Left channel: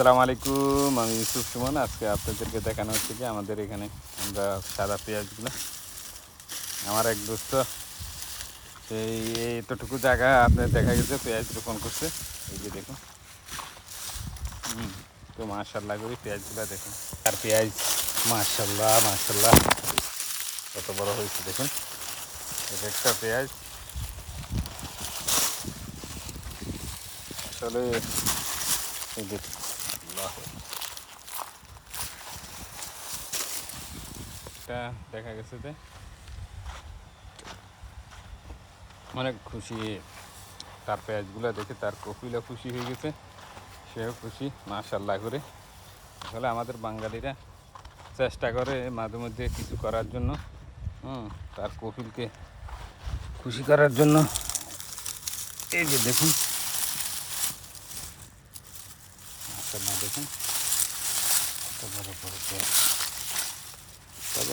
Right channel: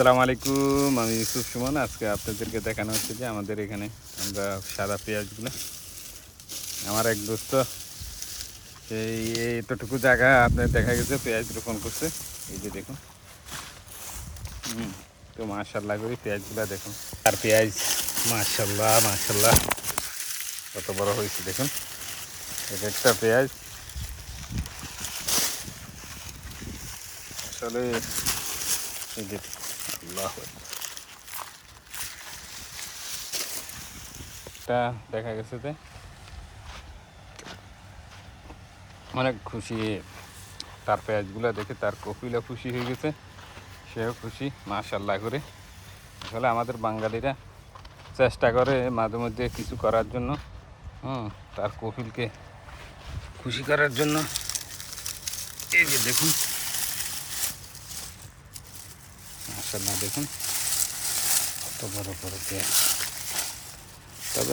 আসসালামু আলাইকুম, আমি ইউসুফ সুমন। আজকে আপনাদেরকে দেখানো হচ্ছে যে আমাদের এখানে আমরা সাদা পেঁয়াজগুলো, আমার এক দোস্ত সেই এতটুকু জায়গা আপনার দেখা গেছে পেঁয়াজ রোপণ করছে। এই যে দেখুন, তো মাশাল্লাহ করি পেঁয়াজগুলো দেখুন। আর পেঁয়াজ মাশাল্লাহ মাশাল্লাহ কত বড় হয়েছে দেখুন, এক একটা পেঁয়াজ আসলে এই যে আল্লাহ এটা দেখা গেছে যে অনেক খুশি। তার পেঁয়াজগুলো দেখে তার কপিলও খুশি হয়ে গেছে, সেও খুশি মাশাল্লাহ করে। আসলে আমাদের বাঙালিরা চেষ্টা করে মাঝে মধ্যে কিছু করার জন্য, তার কপিলকে খুশি করার জন্য। এই যে দেখুন মাশাল্লাহ, দেখুন কত বড় বড় পেঁয়াজ।